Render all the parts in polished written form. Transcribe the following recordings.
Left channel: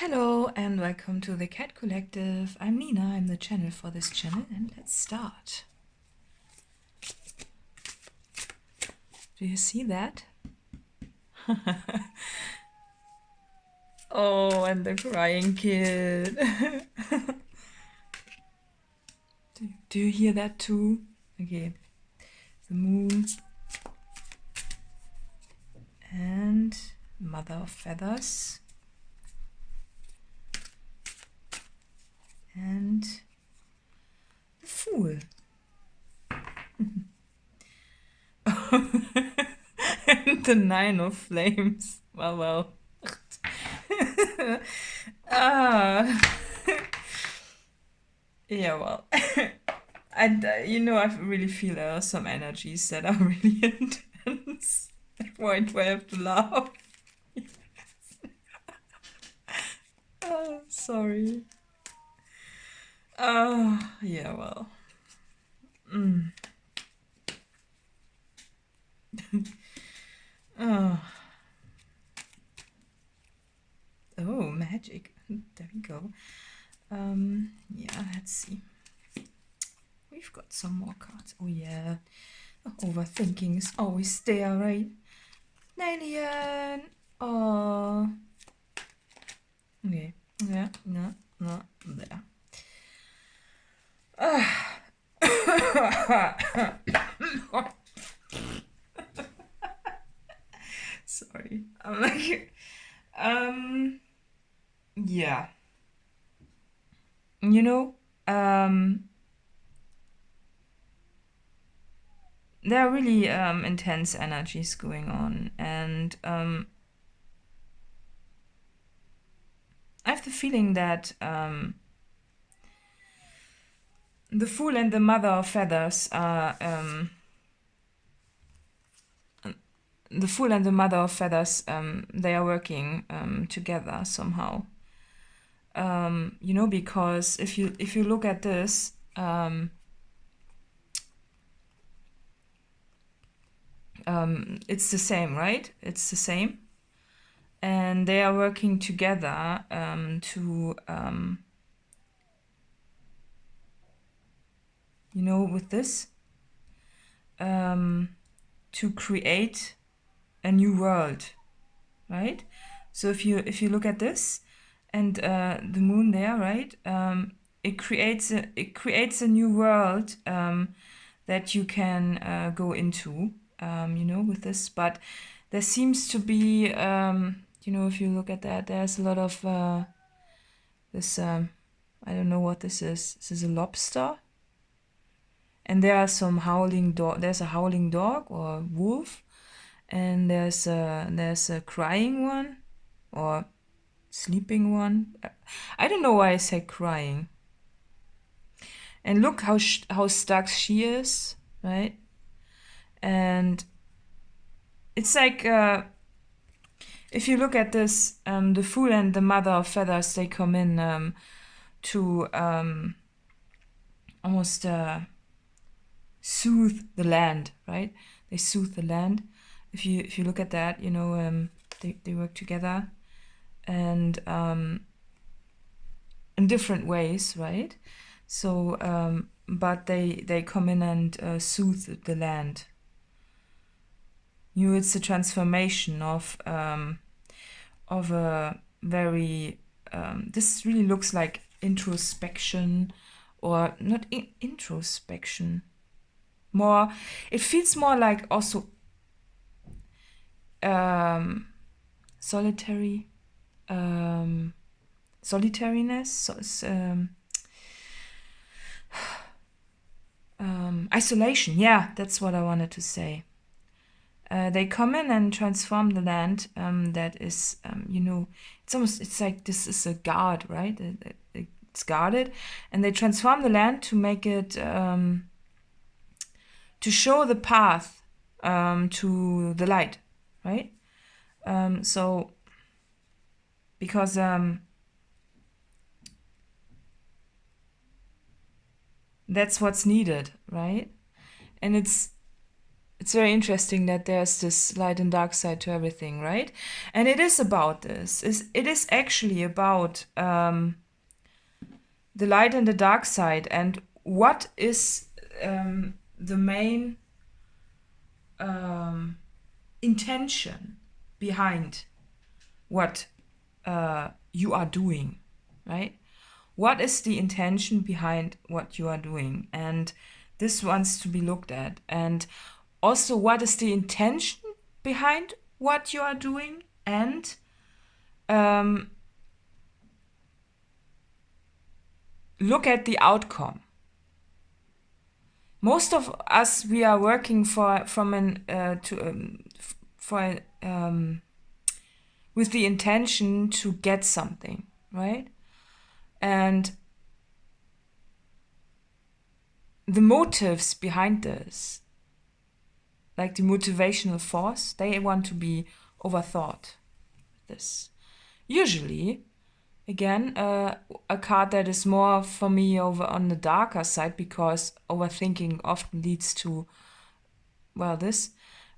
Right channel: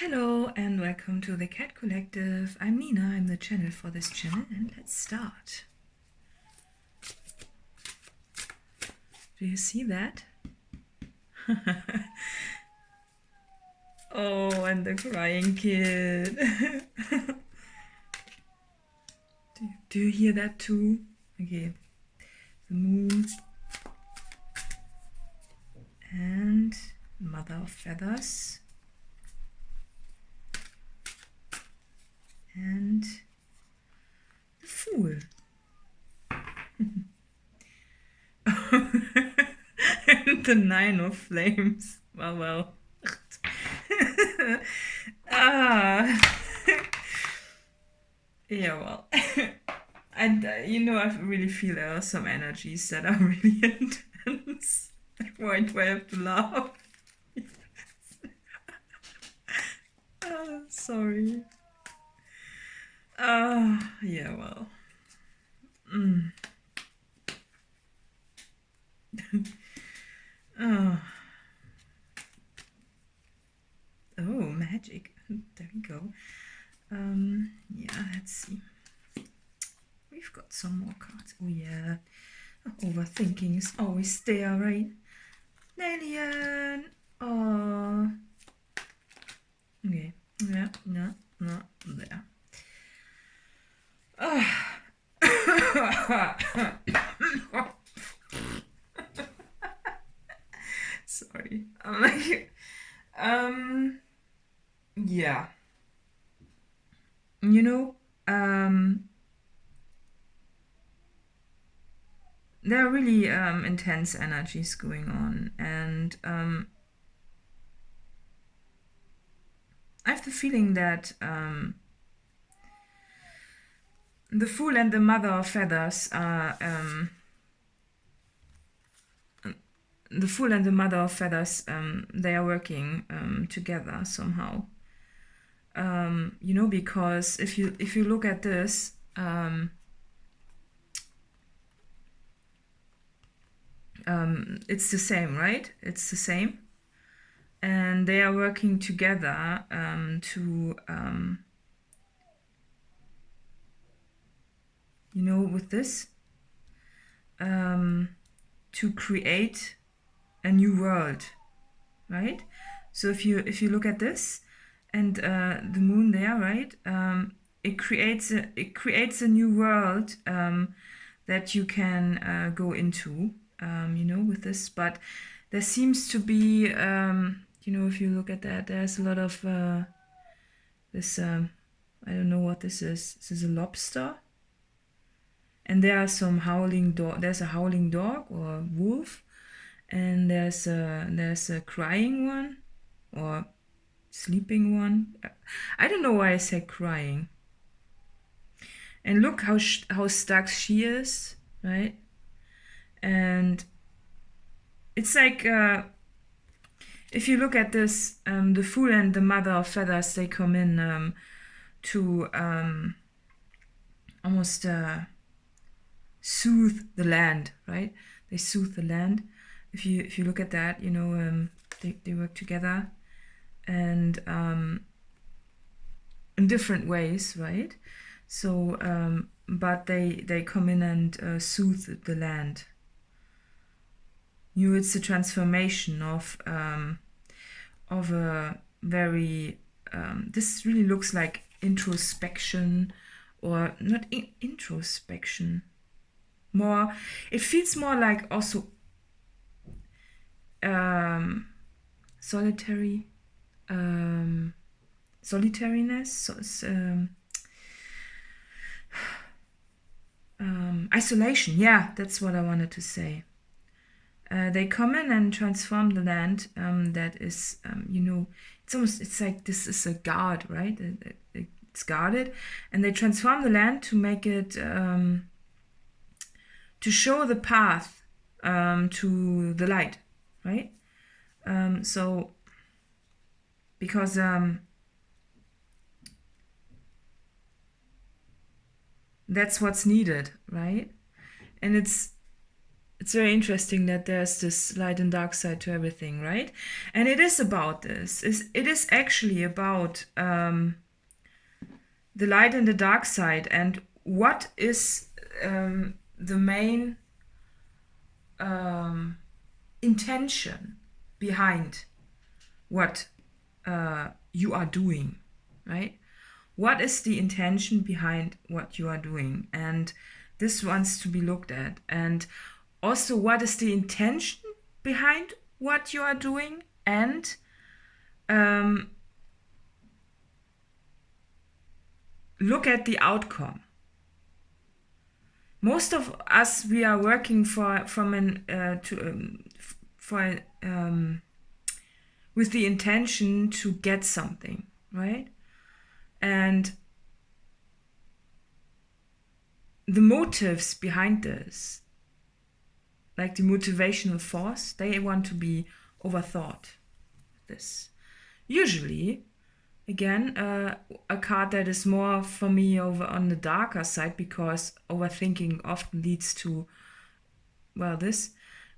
Hello and welcome to the Cat Collective. I'm Nina, I'm the channel for this channel, and let's start. Do you see that? Oh, and the crying kid. Do you hear that too? Okay. The moon. And Mother of Feathers. And the Fool. And the Nine of Flames. Well. Yeah, well. And I really feel there are some energies that are really intense. Why do I have to laugh? Sorry. Yeah, well. Oh, magic. There we go. Yeah, let's see. We've got some more cards. Oh yeah. Overthinking is always there, right? Snailien. Oh. Okay. Yeah, no, there. Sorry. I'm like, yeah. There are really intense energies going on, and I have the feeling that the Fool and the Mother of Feathers are the Fool and the Mother of Feathers, they are working together somehow. Because if you look at this, it's the same, right? It's the same, and they are working together to with this to create a new world, right? So if you look at this and the moon there, right? It creates a new world that you can go into, with this. But there seems to be, if you look at that, there's a lot of this. I don't know what this is. This is a lobster. And there are some howling dog. There's a howling dog or wolf, and there's a crying one or sleeping one. I don't know why I said crying. And look how stuck she is, right? And it's like if you look at this, the Fool and the Mother of Feathers, they come in to almost soothe the land, right? They soothe the land. If you look at that, they work together, and in different ways, right? So, but they come in and soothe the land. It's a transformation of a very. This really looks like introspection, or not introspection. More, it feels more like also solitariness, isolation. Yeah, that's what I wanted to say. They come in and transform the land that is, it's like this is a guard, right? It's guarded, and they transform the land to make it, to show the path to the light, right? So, because that's what's needed, right? And it's it's very interesting that there's this light and dark side to everything, right? And it is about this. It is actually about the light and the dark side, and what is the main intention behind what you are doing, right? What is the intention behind what you are doing? And this wants to be looked at. And also, what is the intention behind what you are doing? And look at the outcome. Most of us, we are working with the intention to get something, right? And the motives behind this, like the motivational force, they want to be overthought. This usually, again, a card that is more for me over on the darker side, because overthinking often leads to, well, this.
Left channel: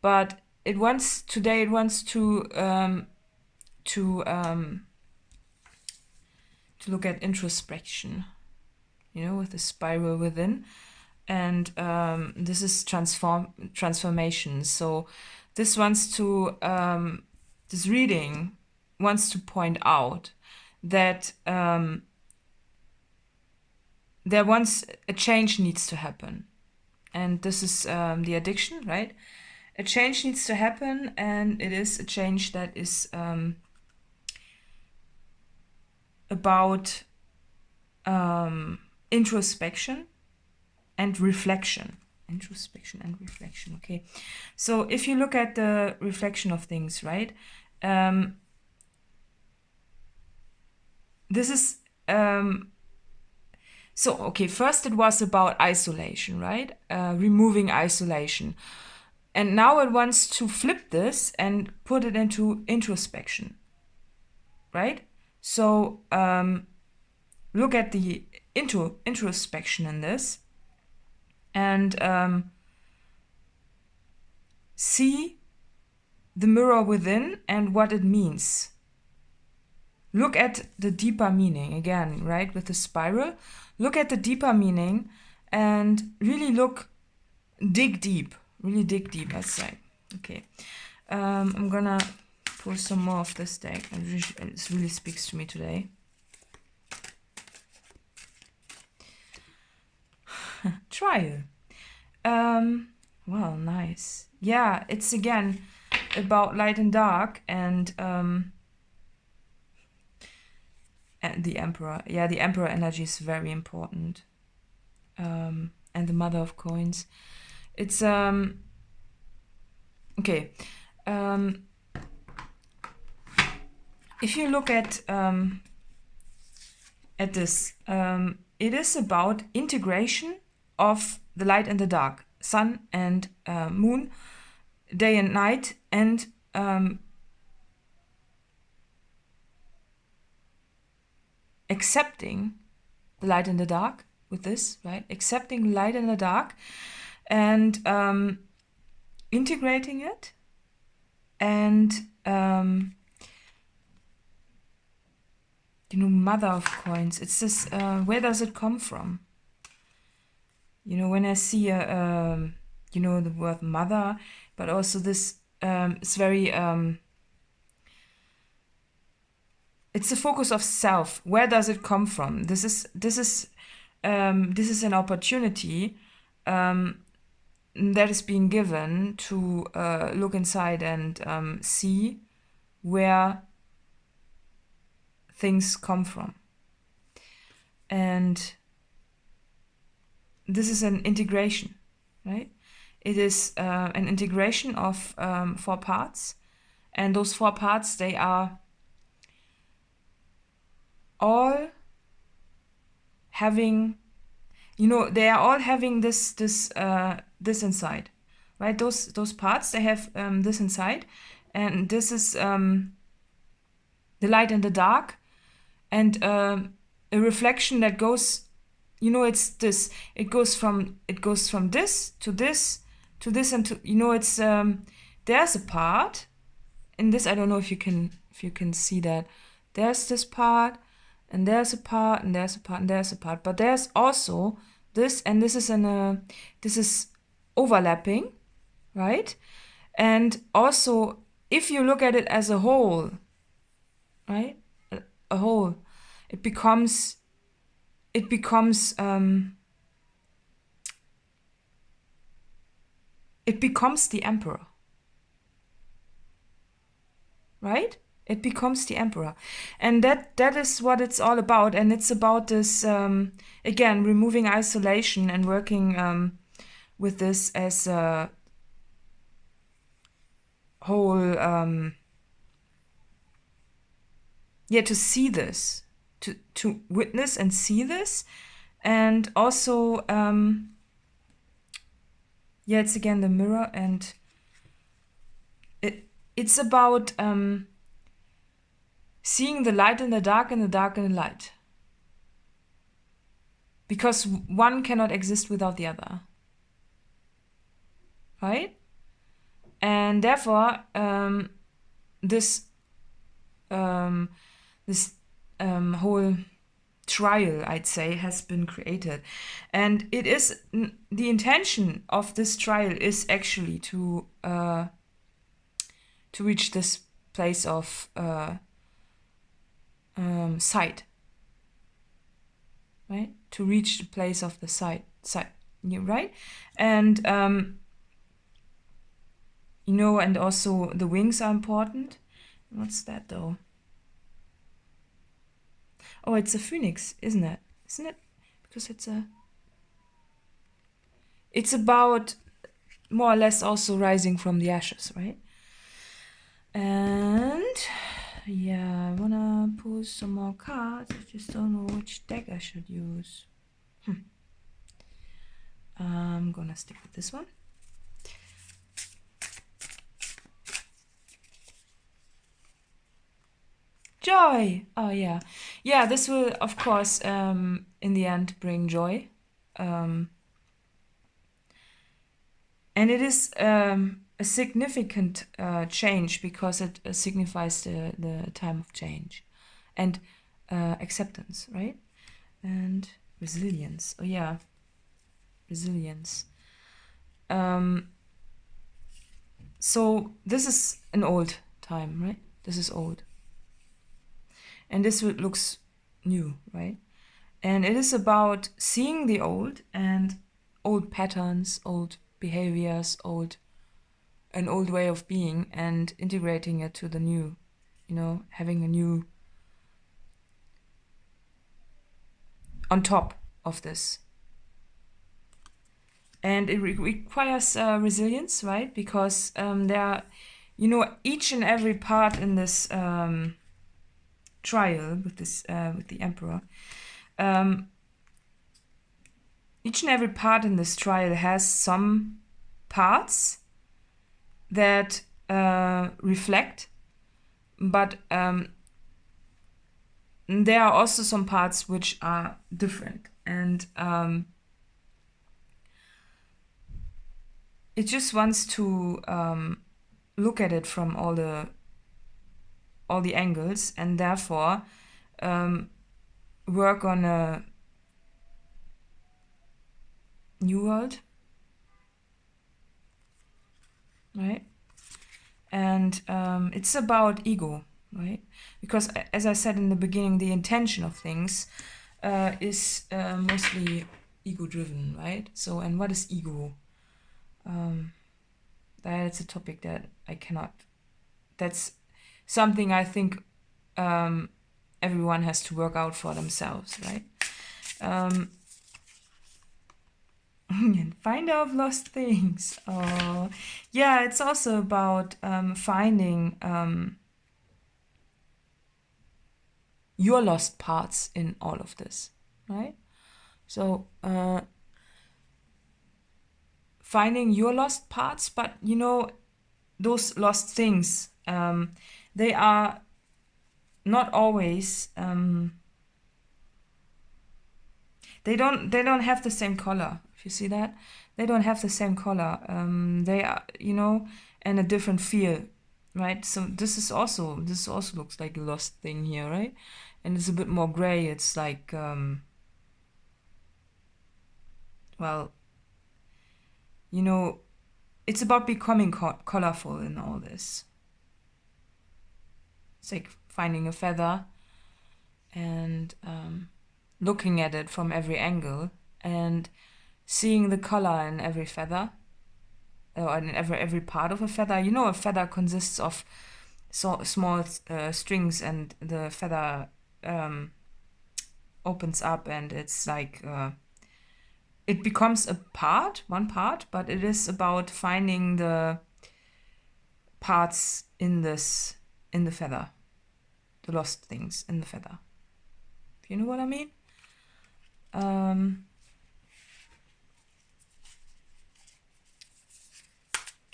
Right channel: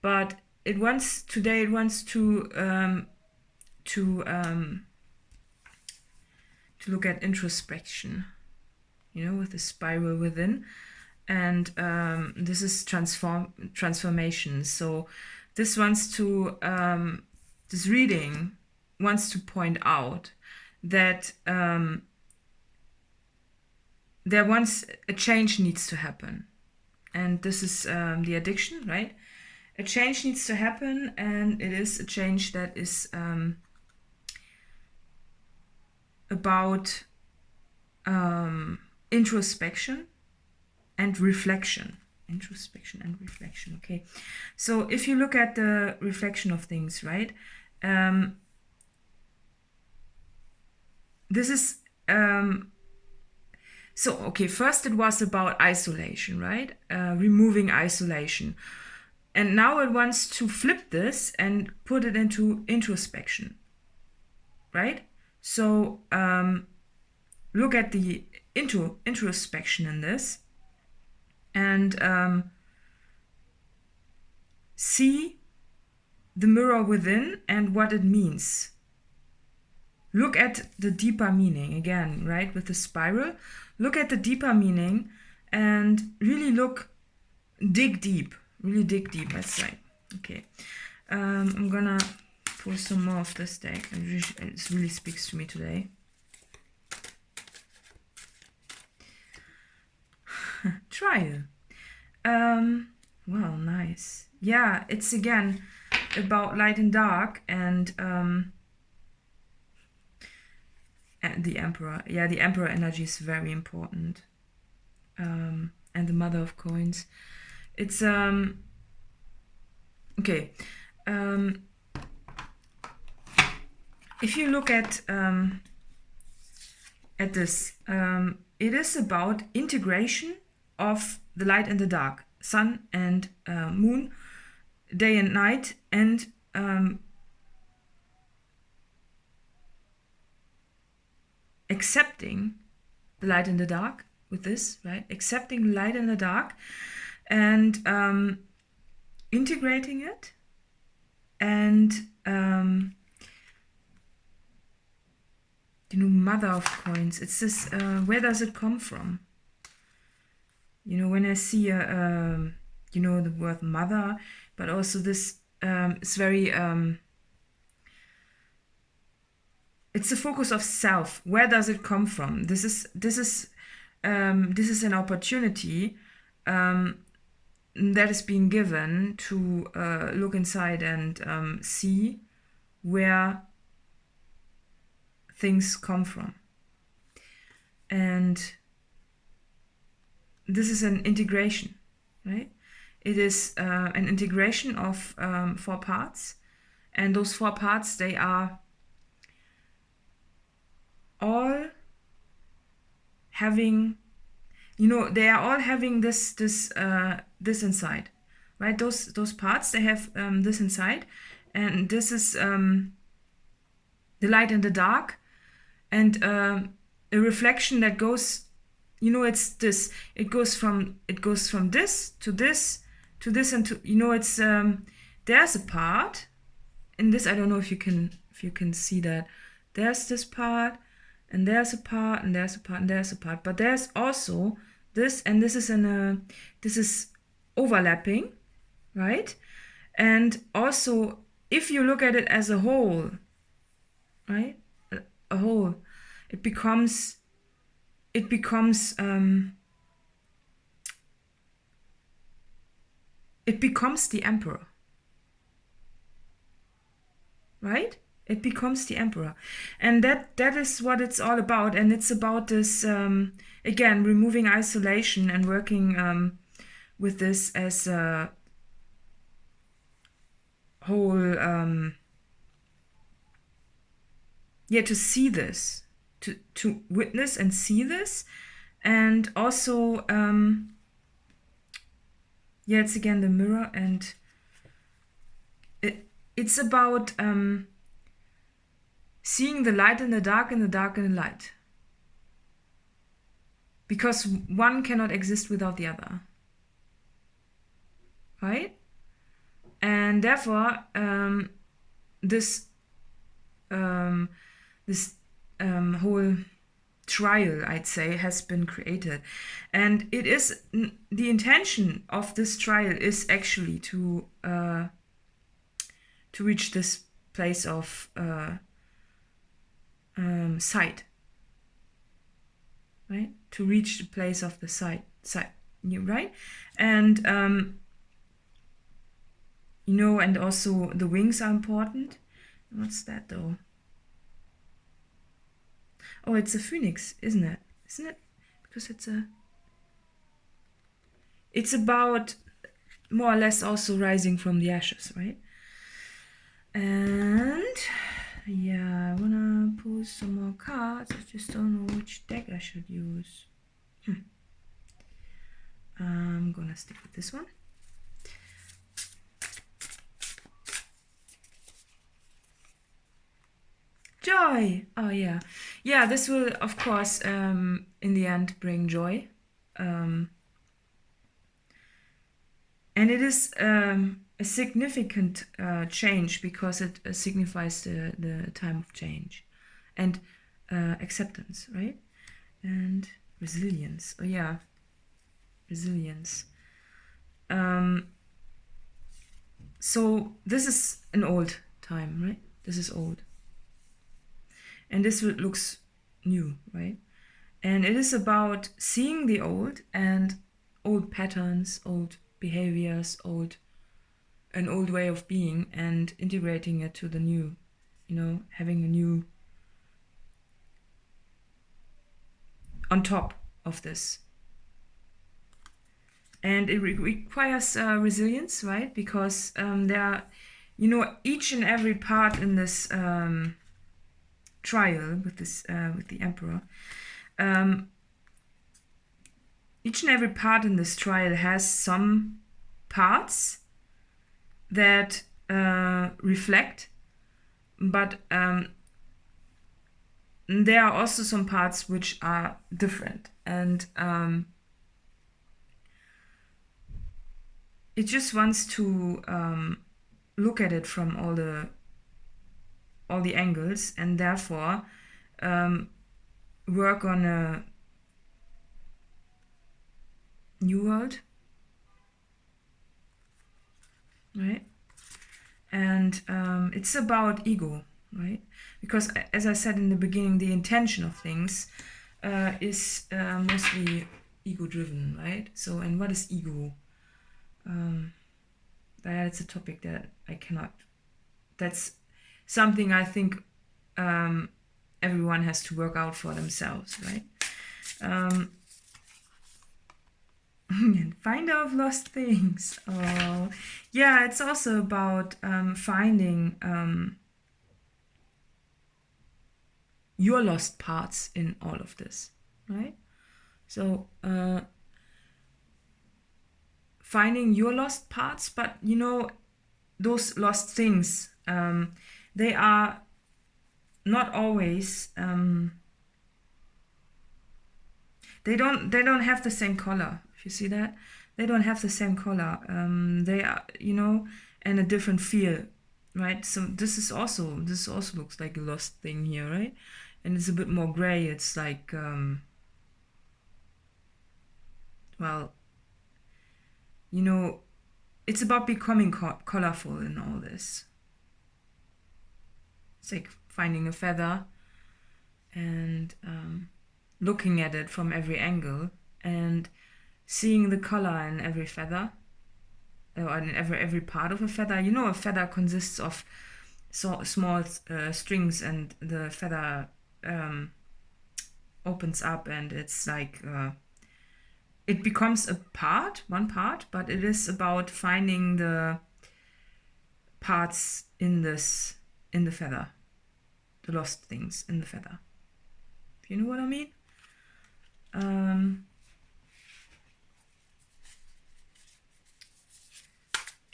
But it wants to look at introspection, with the spiral within. And this is transformation. So this this reading wants to point out that a change needs to happen. And this is the addiction, right? A change needs to happen, and it is a change that is about introspection and reflection. Introspection and reflection, okay. So if you look at the reflection of things, right? This is first it was about isolation, right? Removing isolation. And now it wants to flip this and put it into introspection, right? So look at the introspection in this, and see the mirror within and what it means. Look at the deeper meaning again, right? With the spiral, look at the deeper meaning and really dig deep, let's say. Okay, I'm gonna pull some more of this deck, and it really speaks to me today. Trial. Well, nice. Yeah, it's again about light and dark, and the Emperor. Yeah, the Emperor energy is very important. And the Mother of Coins. It's okay. If you look at this, it is about integration of the light and the dark, sun and moon, day and night, and accepting the light and the dark with this, right? Accepting light and the dark, and integrating it, and Mother of Coins. It's this. Where does it come from? When I see the word mother, but also this, it's very. It's the focus of self. Where does it come from? This is an opportunity that is being given to look inside and see where things come from. And this is an integration, right? It is an integration of 4 parts, and those 4 parts, they are all having, they are all having this inside, right? Those parts, they have this inside, and this is the light and the dark, and a reflection that goes, it's this. It goes from this to this to this and to, you know, it's there's a part in this. I don't know if you can see that. There's this part, and there's a part, and there's a part, and there's a part. But there's also this, and this is overlapping, right? And also, if you look at it as a whole, right, a whole, it becomes the emperor, right? It becomes the emperor, and that is what it's all about. And it's about this again, removing isolation and working with this as a whole. Yeah, to see this, to witness and see this, and also yeah, it's again the mirror, and it's about seeing the light in the dark and the dark in the light, because one cannot exist without the other, right? And therefore this whole trial, I'd say, has been created. And it is, the intention of this trial is actually to reach this place of sight, right? To reach the place of the sight, right? And you know, and also the wings are important. What's that though? Oh, it's a phoenix, isn't it? Isn't it? Because it's about more or less also rising from the ashes, right? And yeah, I wanna pull some more cards. I just don't know which deck I should use. I'm gonna stick with this one. Joy. Oh yeah, yeah. This will, of course, in the end, bring joy, and it is a significant change, because it signifies the time of change and acceptance, right? And resilience. Oh yeah, resilience. So this is an old time, right? This is old. And this looks new, right? And it is about seeing the old and old patterns, old behaviors, an old way of being, and integrating it to the new, you know, having a new on top of this. And it requires resilience, right? Because there are, you know, each and every part in this trial with this with the emperor, each and every part in this trial has some parts that reflect, but there are also some parts which are different, and it just wants to look at it from all the angles, and therefore work on a new world, right? And it's about ego, right? Because, as I said in the beginning, the intention of things is mostly ego-driven, right? So, and what is ego? That's a topic that I cannot. That's something I think everyone has to work out for themselves, right? Find out lost things. Oh, yeah, it's also about finding your lost parts in all of this, right? So finding your lost parts, but you know, those lost things, they are not always they don't have the same color. If you see that, they don't have the same color. They are, you know, and a different feel, right? So this also looks like a lost thing here, right? And it's a bit more gray. It's like, well, you know, it's about becoming colorful in all this. It's like finding a feather and looking at it from every angle and seeing the color in every feather, or in every part of a feather. You know, a feather consists of small strings, and the feather opens up, and it's like it becomes one part, but it is about finding the parts in the feather, the lost things in the feather. Do you know what I mean?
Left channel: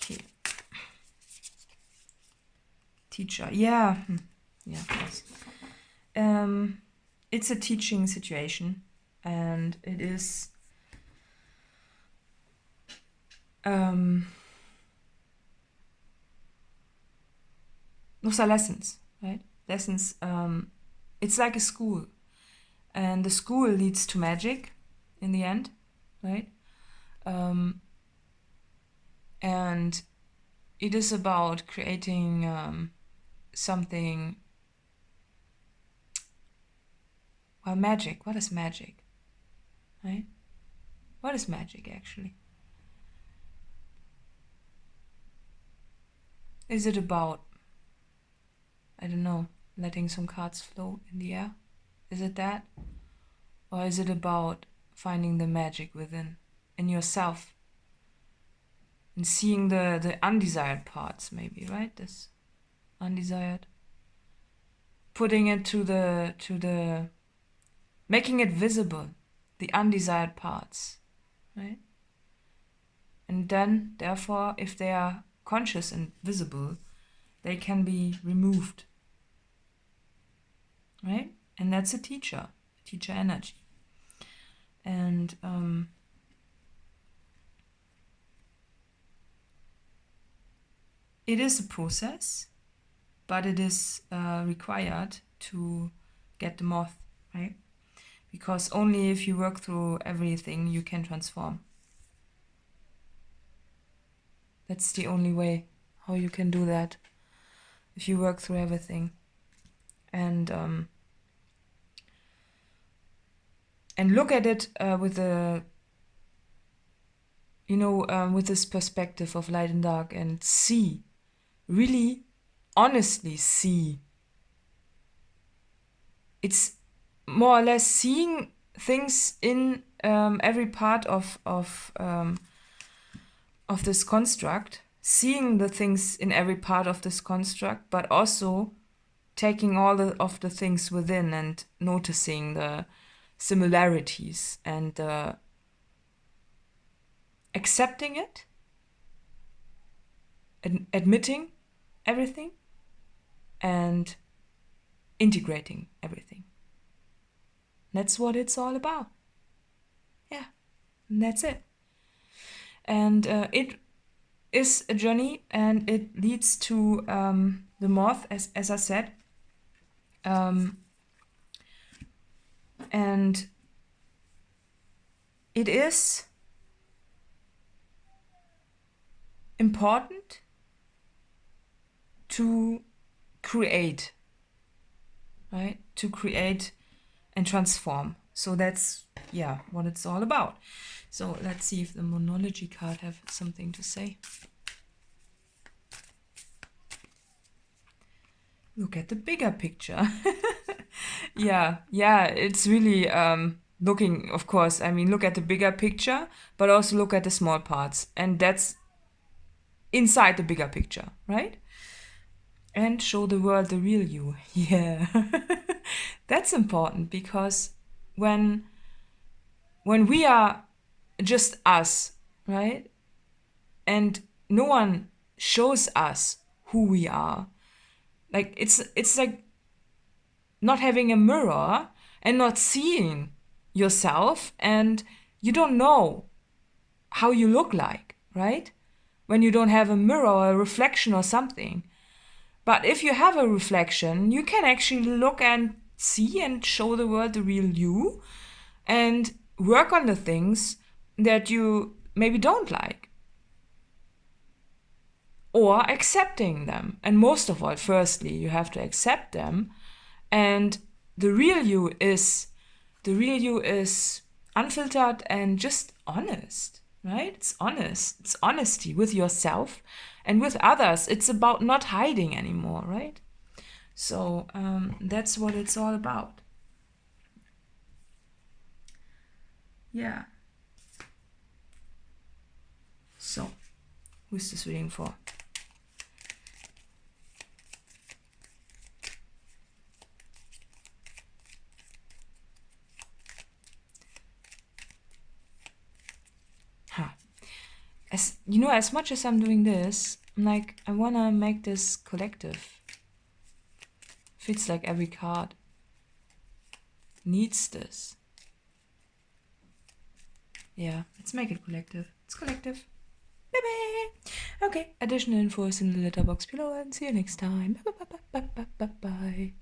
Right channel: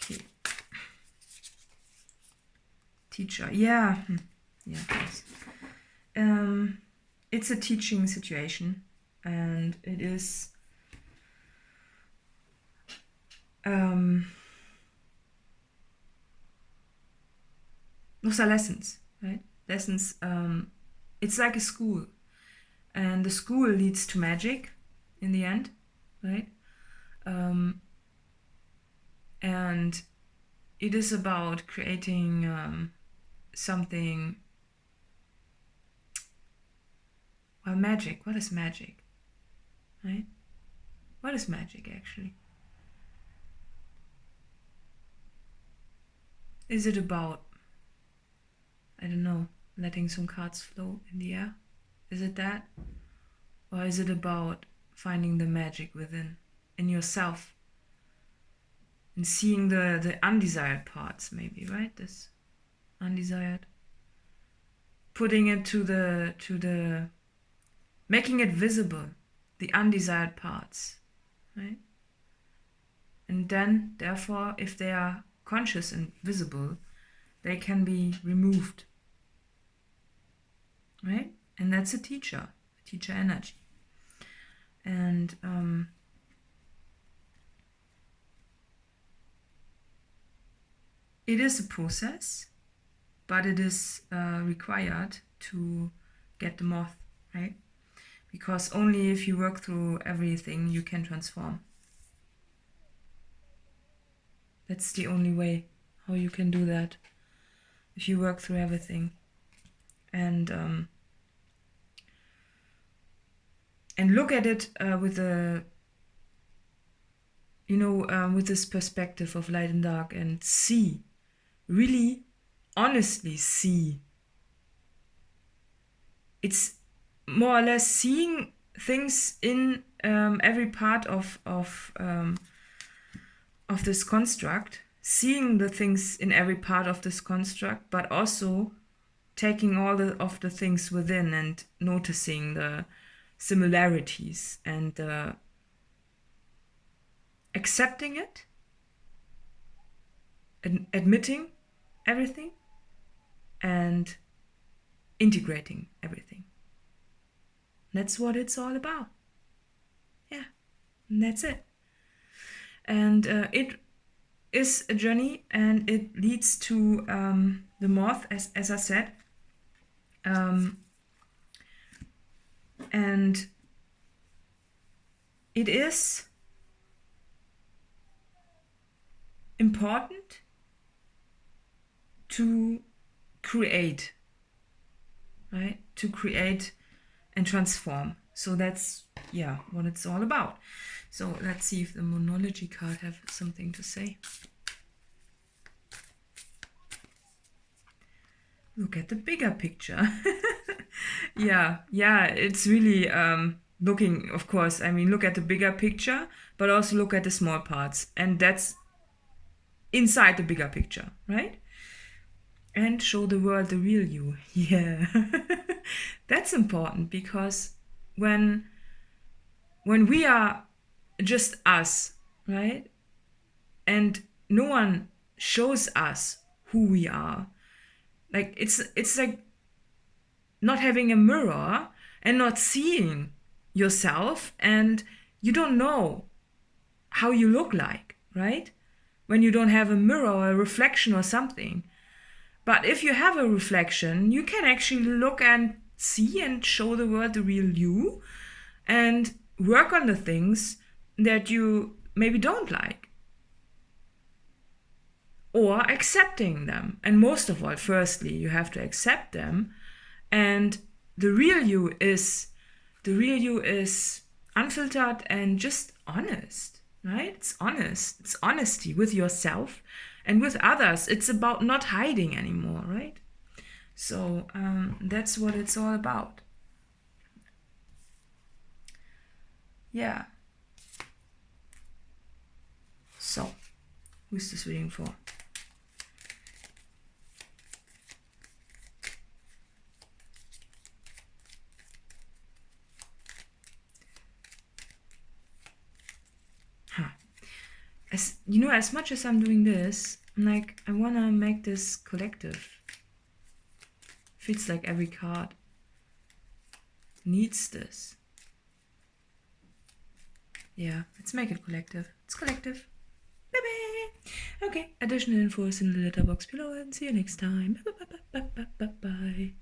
Okay. Teacher, yeah, yes. It's a teaching situation, and it is those are lessons, right? Lessons. It's like a school, and the school leads to magic in the end, right? And it is about creating something. Well, magic. What is magic? Right? What is magic actually? Is it about, I don't know, letting some cards float in the air? Is it that? Or is it about finding the magic within, in yourself? And seeing the undesired parts, maybe, right? This undesired. Putting it to the making it visible, the undesired parts, right? And then, therefore, if they are conscious and visible, they can be removed, right? And that's a teacher energy. And it is a process, but it is required to get the moth, right? Because only if you work through everything you can transform. That's the only way how you can do that, if you work through everything. And look at it with a, you know, with this perspective of light and dark, and see, really, honestly see. It's more or less seeing things in every part of this construct, seeing the things in every part of this construct, but also taking all of the things within and noticing the similarities and accepting it, admitting everything, and integrating everything. That's what it's all about. Yeah, and that's it. And it is a journey, and it leads to the moth, as I said. And it is important to create, right? To create and transform. So that's, yeah, what it's all about. So let's see if the Moonology card have something to say. Look at the bigger picture. yeah, it's really looking, of course, I mean, look at the bigger picture, but also look at the small parts. And that's inside the bigger picture, right? And show the world the real you. Yeah. That's important, because when we are just us, right? And no one shows us who we are. Like it's like not having a mirror and not seeing yourself, and you don't know how you look like, right? When you don't have a mirror or a reflection or something. But if you have a reflection, you can actually look and see and show the world the real you and work on the things that you maybe don't like. Or accepting them. And most of all, firstly, you have to accept them. And the real you is unfiltered and just honest, right? It's honest. It's honesty with yourself and with others. It's about not hiding anymore, right? So that's what it's all about. Yeah. So, who's this reading for? As you know, as much as I'm doing this, I'm like, I wanna make this collective. Feels like every card needs this. Yeah, let's make it collective. It's collective. Bye-bye. Okay, additional info is in the letterbox below and see you next time. Bye-bye.